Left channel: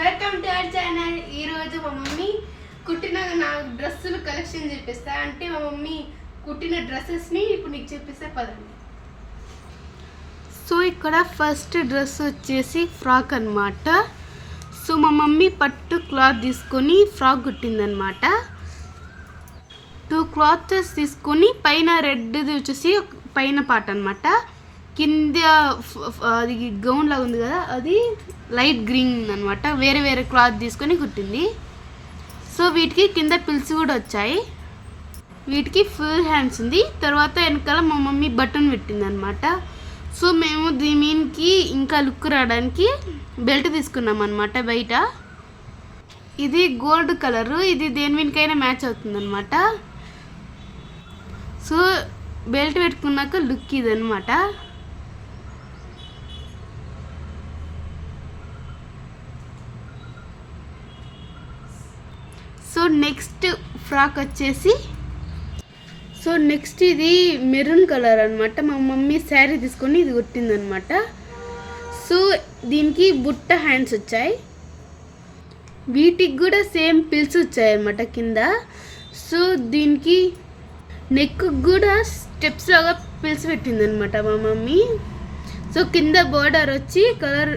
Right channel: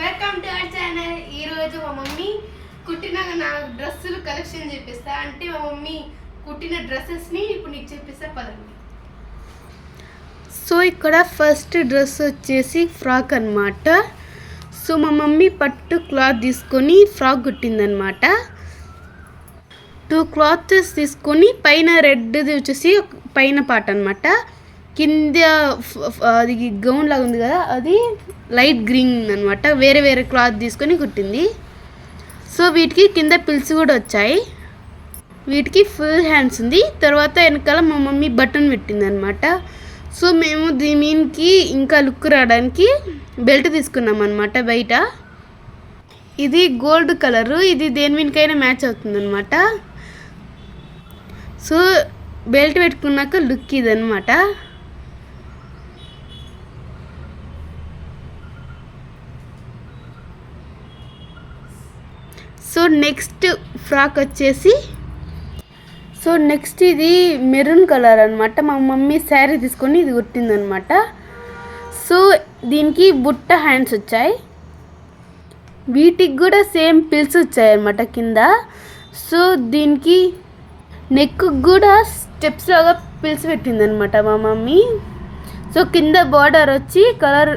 Welcome to our channel ఈరోజు మా mummy కుట్టిన నా డ్రెస్సులు కలెక్షన్ చూపిస్తా అంటే మా మమ్మీ కుట్టిన డ్రెస్సెస్ని ఇప్పుడు నీకు చూపిస్తా పదండి. సో ఇక్కడ ఫస్ట్ డ్రెస్ వచ్చేసి ఫ్రాక్ అన్నమాట. సో మా మమ్మీ పట్టు క్లాత్ తీసుకొని ఫ్రాక్ కుట్టిందనమాట టూ క్లాత్స్ తీసుకొని పైన రెడ్ది వచ్చేసి పైన పాట అనమాట కింద అది గౌన్ లాగా ఉంది కదా అది లైట్ గ్రీన్ అనమాట వేరే వేరే క్లాత్ తీసుకొని కుట్టింది. సో వీటికి కింద పిల్స్ కూడా వచ్చాయి. వీటికి ఫుల్ హ్యాండ్స్ ఉంది. తర్వాత వెనకాల మా మమ్మీ బటన్ పెట్టింది అనమాట సో మేము దీనికి మీన్కి ఇంకా లుక్ రావడానికి బెల్ట్ తీసుకున్నాం అనమాట బయట. ఇది గోల్డ్ కలరు. ఇది దేని మీదకైనా మ్యాచ్ అవుతుంది అనమాట సో బెల్ట్ పెట్టుకున్నాక లుక్ ఇదనమాట సో నెక్స్ట్ ఫ్రాక్ వచ్చేసి సో నెక్స్ట్ ఇది మెరూన్ కలర్ అనమాట మా మమ్మీ శారీ తీసుకొని ఇది కుట్టిందనమాట సో దీనికి బుట్ట హ్యాండ్స్ వచ్చాయి. వీటికి కూడా సేమ్ పిల్స్ వచ్చాయి అనమాట కింద. సో దీనికి నెక్ కూడా స్టెప్స్ లాగా పిలిచి పెట్టిందనమాట మా మమ్మీ. సో కింద బార్డర్ వచ్చి కలర్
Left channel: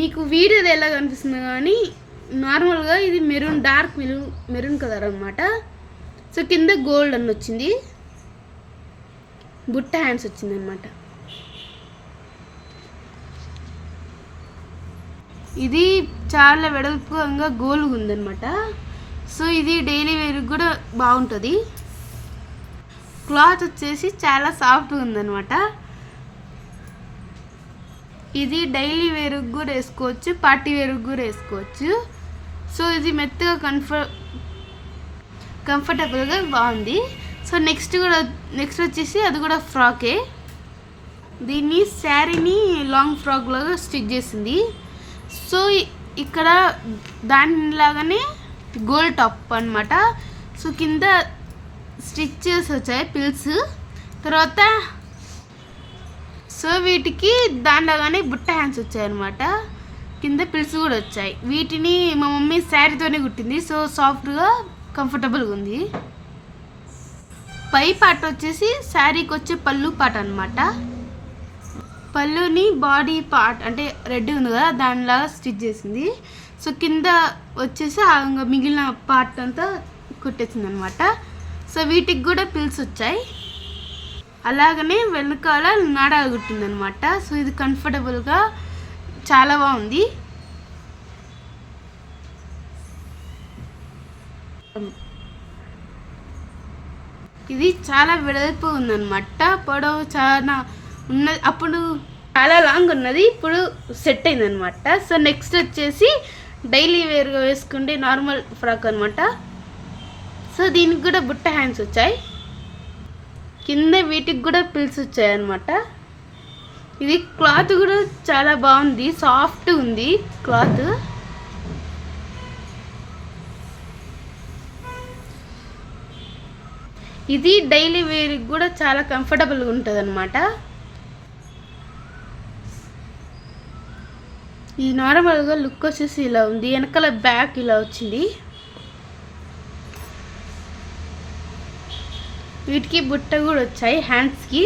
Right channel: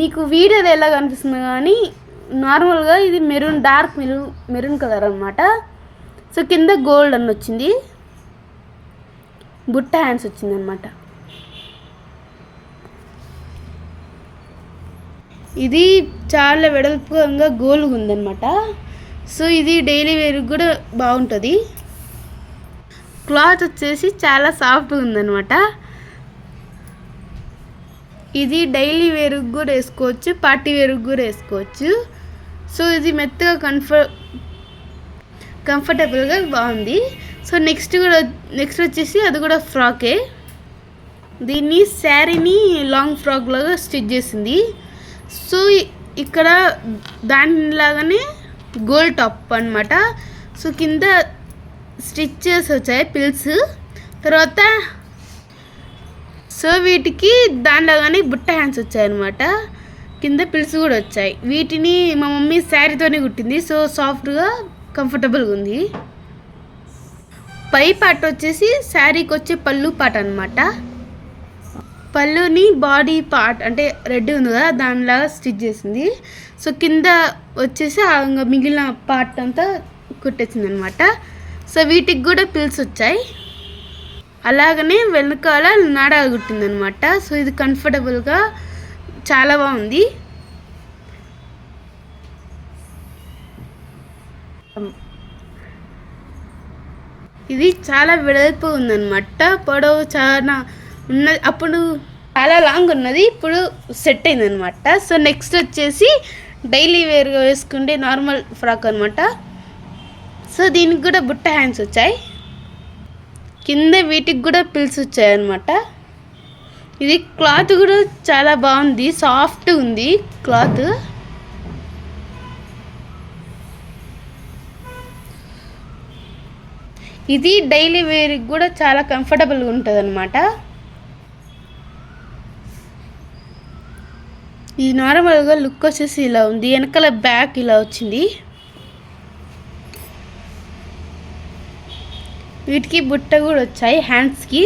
మీకు వీడియోది ఎలా కనిపిస్తుంది కానీ నార్మల్గా ఇది maroon dark maroon maroon colour అనమాట సో కింద గోల్డ్ అని వచ్చింది. బుట్ట హ్యాండ్స్ వచ్చింది అనమాట ఇది చాలా వెడల్పుగా గోల్గా ఉందన్నమాట. సో ఇది డైలీ వేర్కి కూడా బాగుంటుంది. క్లాత్ వచ్చేసి చాలా సాఫ్ట్గా ఉందన్నమాట. ఇది డైలీ వేరుకు కూడా వేసుకోవచ్చు పార్టీ వేరుకు కూడా వేసుకోవచ్చు. సో ఇది మెత్తగా కంఫర్ కంఫర్టబుల్గా బాగుంది. సో నెక్స్ట్ కూడా నెక్స్ట్ వచ్చేసి అది కూడా ఫ్రాకే. దీన్ని శారీని లాంగ్ ఫ్రాక్ లాగా స్టిచ్ చేసింది. సో ఇక్కడ దానిలాగానే గోల్డ్ టాప్ అన్నమాట. సో కింద స్టిచ్చెస్ వచ్చాయి పిల్స్. తర్వాత సో వీటికి దానిలాగానే బుట్ట హ్యాండ్స్ వచ్చాయన్నమాట. కింద పిల్స్ కూడా వచ్చాయి. వీటిని మా మమ్మీ శారీతోనే కుట్టింది. సో సాఫ్ట్గా కంఫర్టబుల్గా ఉంది. పై పాట వచ్చేసి శారీకి వచ్చే పళ్ళు పాట అనమాట పళ్ళుని బాడీ పార్ట్ అంటే రెడ్ ఉంది కదా దానిలాగా స్టిచ్ చేసింది. సో కింద వచ్చేసి ఇంకా మిగిలిన పార్ట్ అంతా కుట్టేసింది అనమాట సో వీటికి కూడా పిల్స్ వచ్చాయి. అలాగనే వెనకాల నాడా కుట్టింది అనమాట సో ఇది కంఫర్టబుల్గా చాలా బాగుంది. ఇది చాలా వెడల్పు ఉందన్నమాట. పొడవు చాలా ఉన్నది. అప్పుడు చాలా లాంగ్ ఉన్నది. ఇప్పుడు సెట్ అయింది అనమాట సో నెక్స్ట్ వచ్చేసి డైలీ వేర్గా వేసుకుంటే నార్మల్ ఫ్రాక్ అనమాట సో దీనికి కూడా బుట్ట హ్యాండ్స్ వచ్చాయి. కింద వీటికి కూడా పిల్స్ వచ్చాయి అనమాట ఇది క్లాత్ కూడా చాలా బాగుంది సాఫ్ట్ ఉంది క్లాత్. ఇది డైలీ వేర్కి కూడా చాలా కంఫర్టబుల్గా ఉంటుంది అనమాట ఇది నార్మల్గా లుక్ వచ్చేసి ఇలా ఉంది వెనకాల బ్యాక్ ఇలా వచ్చింది. వీటికి బుట్ట కూడా వచ్చాయి హ్యాండ్స్కి.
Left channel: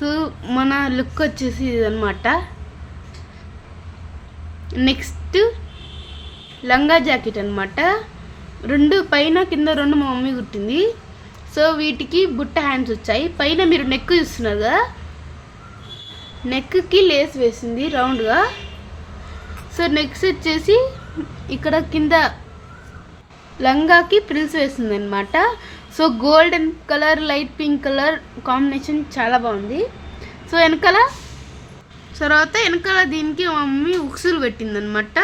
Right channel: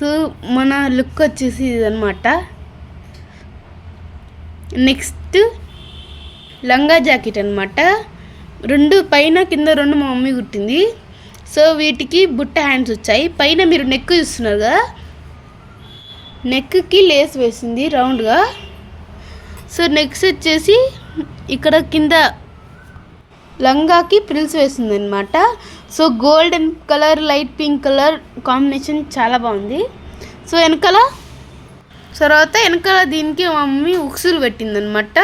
సో మన లుక్ వచ్చేసి ఇదనమాట నెక్స్ట్ లంగా జాకెట్ అనమాట రెండు పైన కింద రెండు మా మమ్మీ కుట్టింది. సో వీటికి బుట్ట హ్యాండ్స్ వచ్చాయి. పైన మీరు నెక్ చూస్తున్నారు కదా? నెక్కి లేస్ వేసింది రౌండ్గా. సో నెక్స్ట్ వచ్చేసి ఇక్కడ కింద లంగాకి ప్రిల్స్ వేసింది అనమాట so golden colour light pink colour combination చాలా బాగుంది. సో వెనకాల? తర్వాత వెనకాల దీనికి మా మమ్మీ ఉక్సులు పెట్టిందనమాట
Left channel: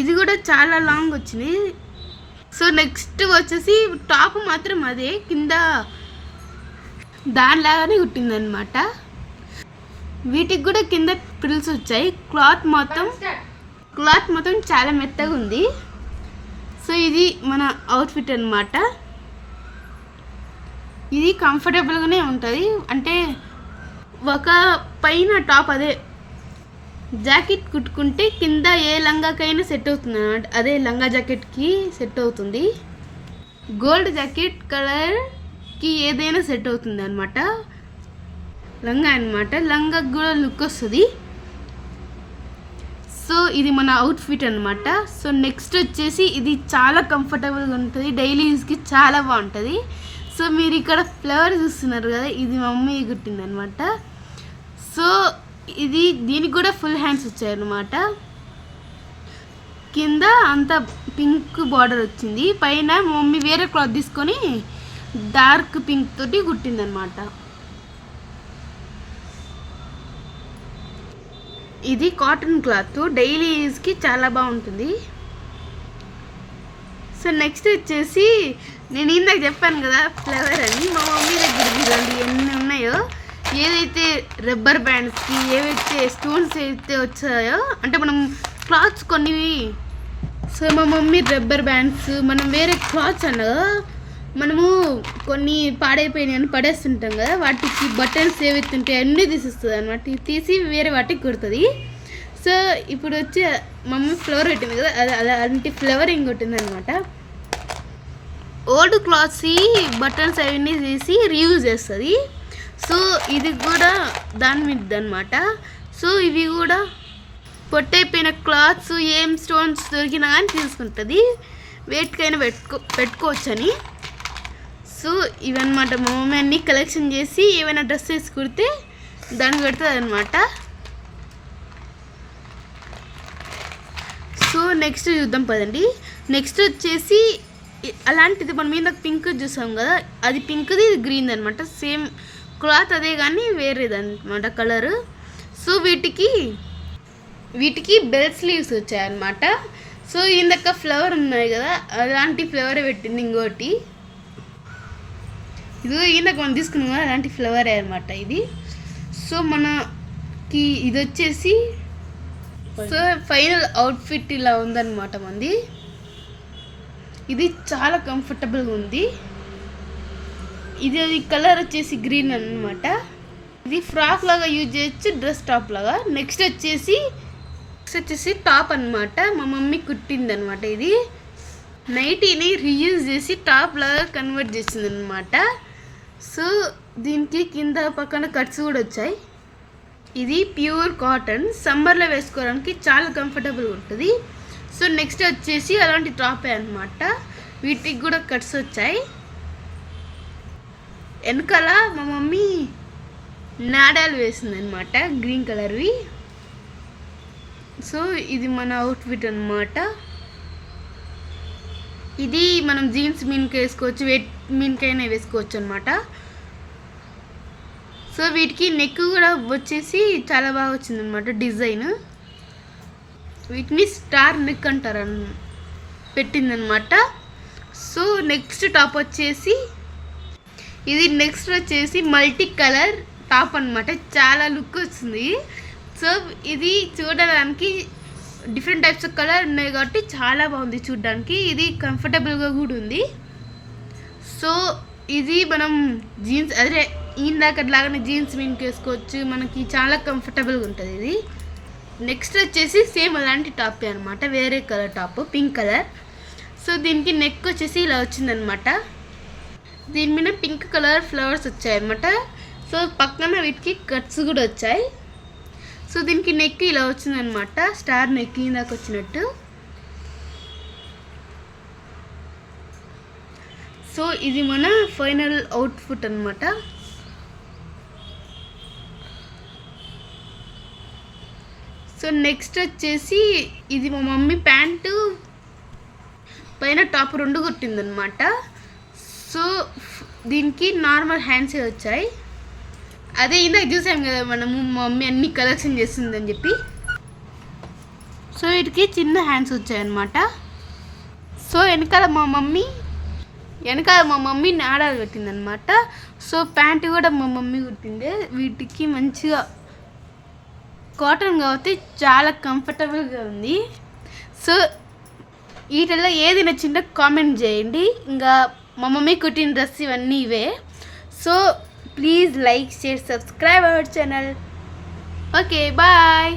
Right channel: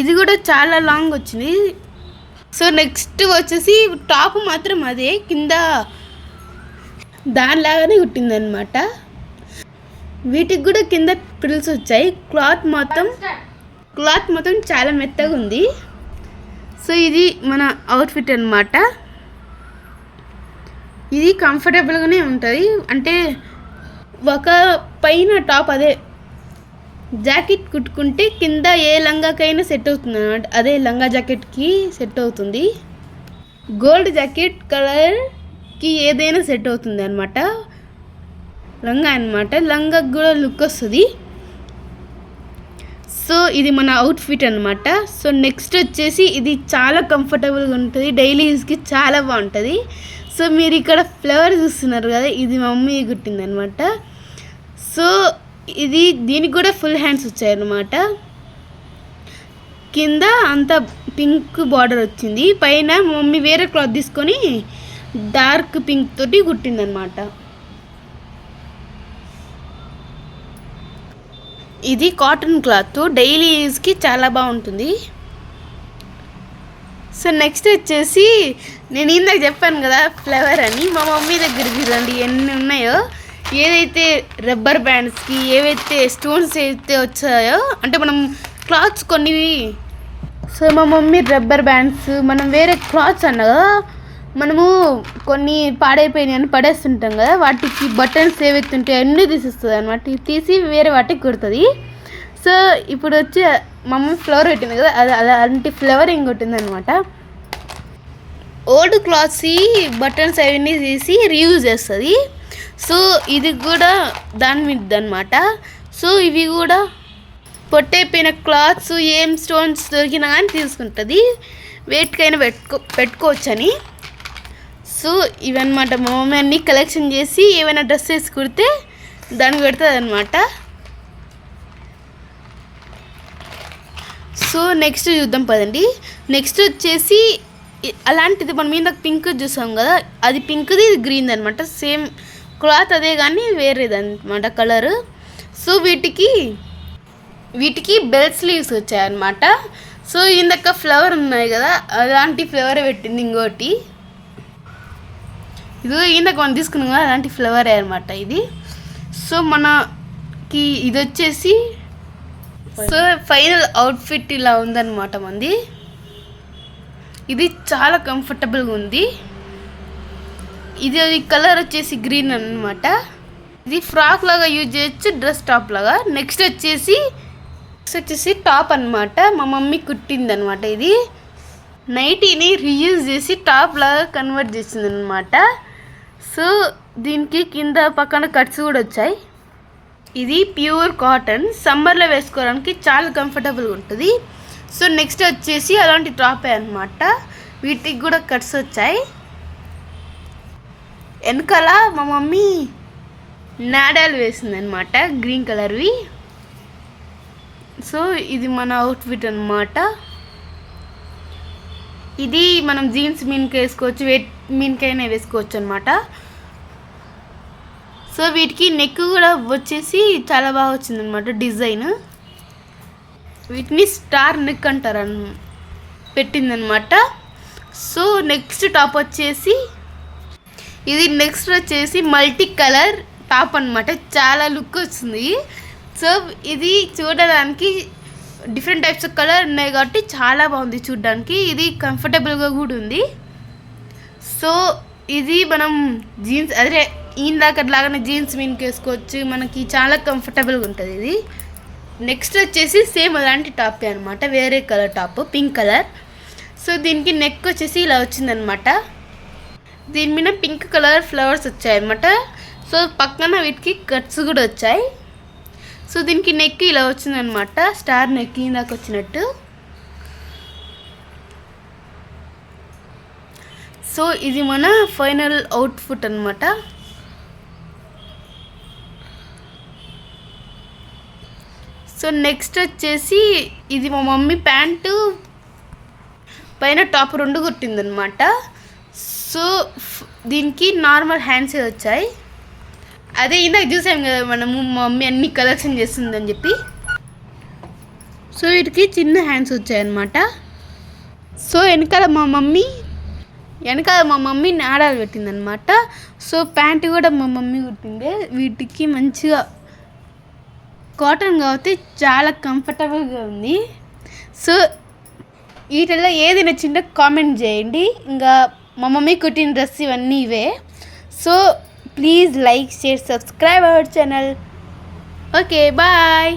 ఇది కూడా చాలా లాంగ్ వచ్చింది. సో నెక్స్ట్ వచ్చేసి టాప్ మాత్రం అదే కింద దానిలాగానే కుట్టిందనమాట వీటికి కూడా కింద పిల్స్ వచ్చాయి. క్లాత్ మొత్తం క్లాత్ మొత్తం చాలా మెత్తగా ఉంది. సో ఇది మన అవుట్ఫిట్ అనమాట ఇది కంఫర్టబుల్గానే ఉంటుంది. అంటే ఒక పైన టాప్ అదే. జాకెట్ కుట్టుకుంటే కింద ఏ లంగాకైనా సెట్ అవుతుంది అన్నమాట. అదే లంగా జాకెట్కి సెట్ అవుతుంది. గోల్డ్ జాకెట్ కలర్కి ఏదైనా సెట్ అవుతుంది అనమాట లంగా అనమాట లంగాకి కూడా లుక్ వస్తుంది. సో ఇది మన అవుట్ఫిట్ అనమాట సో నెక్స్ట్ వచ్చేసి ఇది చాలా కంఫర్టబుల్గా ఉంటుంది. డైలీ యూస్కి చాలా బాగుంటుంది. సో మీరు ఇక్కడ ఫ్లవర్ చూస్తున్నారు కదా ఇది మా మమ్మీ కుట్టింది అనమాట సో ఇది దీనికి కూడా ఫుల్ హ్యాండ్స్ వచ్చాయన్నమాట. కింద అంతా పింక్ బార్డర్ వచ్చింది. పైన మమ్మీ వేరే క్లాత్ తీసుకొని డార్క్ పింక్ తోటి కుట్టిందనమాట ఇది కాటన్ క్లాత్. డైలీ యూజ్కి చాలా బాగుంటుంది. సో నెక్స్ట్ వచ్చేసి నేను ఇందాక చెప్పాను కదా ఫ్లవర్ అని. మా మమ్మీ దగ్గర చూడండి ఎన్ని ఉన్నాయో ఏదైతే రబ్బర్ బ్యాండ్స్కి ఏవైతే స్టోన్స్ అయితే వచ్చాయో అంటే మనం క్లాత్స్ కొన్ని సో మా మమ్మీ రబ్బర్ బ్యాండ్స్ మనం వేరే క్లాత్స్ అన్న కదా మనము కొన్ని పాడైపోయినాయి అని పడేస్తుంటాం కదా వాటికి బటన్స్ ఏవైతే ఉంటాయో అన్నీ తీసిస్తుంది అనమాట తీసి వేరే వాటికి కుడుతుంది. సో ఇప్పుడు వచ్చి మా మమ్మీ ఫ్లవర్ పెట్టింది కదా అది అది అలాంటి ఫ్లవరింగ్ కొట్టింది అనమాట ఓల్డ్ క్లాత్స్ బటన్స్ అవన్నీ తీసి రీయూజ్ చేస్తుంది. సో ఇది కూడా దాని మీద అనమాట సో ఇవి కూడా పొట్టైపోయిన క్లాత్స్ ఏం స్టోన్స్ దొరికినా కానీ తీసుకుంటుంది. వేటికైనా పెట్టుకో పెట్టుకోవచ్చని. సో ఇవన్నమాట మా మమ్మీ అన్ని కలెక్షన్ చేసి ఏమైనా డ్రెస్సెస్ కుడితే దానికి పెడుతుంది అనమాట సో నెక్స్ట్ చూద్దాం పదండి. నెక్స్ట్ వచ్చేసి అలాంటిది మనం మీద పింక్ చూసాం కదా అది పింక్ది ఇది గ్రీన్ అనమాట సేమ్ క్లాత్ అదే కానీ వేరేది అనమాట కలరు. సో వీటికి వీటికి బెల్ స్లీవ్స్ వచ్చాయన్నమాట. సో ఇందాక ఫ్లవర్ ఉన్నాయి కదా అలాంటి ఫ్లవర్ పెట్టింది ఇంకోటి. ఇది ఇందాక మనం తీసుకున్నాం కదా అలాంటి ఫ్లవరే అనమాట ఇది. సో మనకి ఇది వచ్చేసి సో ఫైనల్ అవుట్ఫిట్ ఇలా ఉందన్నమాట మంది. ఇది చాలా కంఫర్టబుల్గా ఉంది. ఇది కలర్ వచ్చేసి గ్రీన్ అన్నమాట. ఇది ఫ్రాక్ లాగా యూజ్ చేయొచ్చు డ్రెస్ టాప్ లాగా. నెక్స్ట్ వచ్చేసి నెక్స్ట్ వచ్చేసి టాప్ అన్నమాట. మా మమ్మీ కుట్టింది అనమాట ఇది. నైటీని రీయూజ్ చేసి టాప్ లాగా కన్వర్ట్ చేసింది అనమాట సో దీనికి కింద పక్కన కట్స్ కూడా వచ్చాయి. ఇది ప్యూర్ కాటన్ సమ్మర్లో వేసుకోవడానికి చాలా కంఫర్టబుల్గా ఉంటుంది. సో నెక్స్ట్ వచ్చేసి అలాంటి టాపే అనమాట వీటికి కూడా కట్స్ వచ్చాయి. వెనకాల మా మమ్మీ నాడాలు వేసింది అనమాట గ్రీన్ కలర్వి సో ఇది మన అవుట్ఫిట్ అనమాట ఇది మనం జీన్స్ మీన్కి వేసుకోవచ్చు వెట్ మీన్కైనా వేసుకోవచ్చు అనమాట సో వీటికి నెక్ కూడా వచ్చేసి చాలా బాగా వచ్చిందనమాట డిజైన్ వీటిని స్టార్ నెక్ అంటారు అన్ పెట్టిందనమాట. సో నెక్స్ట్ టాప్ వచ్చేసి ఇది నెక్స్ట్ వచ్చేసి మల్టీ కలర్ టాప్ అన్నమాట చాలా లుక్ వస్తుంది. సో ఇది చూడడానికి డిఫరెంట్ టైప్స్ ఆఫ్ కలర్ ఉన్నాయి కాబట్టి చాలా బాగుంది చూడడానికి. ఇది కంఫర్టబుల్గా కూడా ఉంది. సో ఇది మనం జీన్స్ అదే ఈయన దాకా లాగానే జీన్స్ మీన్కి వేసుకోవచ్చు. మనకి చాలా కంఫర్టబుల్గా ఉంటుంది ఇది. నెక్స్ట్ వచ్చేసి సేమ్ అలాంటి టాప్ అనమాట వేరే colour top pink colour. So దీనికి నెక్ వచ్చేసి ఇలా వచ్చిందనమాట దీని మీద పింక్ కలర్ ఫ్లవర్స్ వచ్చాయన్నమాట. సో పక్కన వీటికి కట్స్ కూడా వచ్చాయి. సో దీనికి నెక్ ఇలా వచ్చిందనమాట స్టార్ నెక్ ఇందాక వచ్చినట్టు. సో ఇది మన ఫైనల్ అవుట్ఫుట్ అనమాట సో నెక్స్ట్ వచ్చేసి ఇది మా మమ్మీ ప్యాంటు పైన టాప్ రెండు కుట్టిందనమాట సో దీనికి నార్మల్ హ్యాండ్సే వచ్చాయి. అదే ఇందాక చూసాం కదా మనము మా మమ్మీ అన్ని కలెక్షన్ చేస్తుందని చెప్పి. సో వీటికి చిన్న హ్యాండ్స్ వచ్చాయన్నమాట. సో వెనకాల మా మమ్మీ వెనకాల మా మమ్మీ నాడాలు పెట్టిందనమాట సో ప్యాంటు కూడా మా మమ్మీ కుట్టిందే. వీటికి మంచిగా కాటన్ కాబట్టి చాలా కంఫర్టబుల్గా ఉంది. సో వీటిల్లో ఏది నచ్చిందో కామెంట్ చేయండి. ఇంకా మా మమ్మీ కుట్టిన డ్రెస్ ఇవన్నీ ఇవే. So please like share subscribe our channel. Okay bye.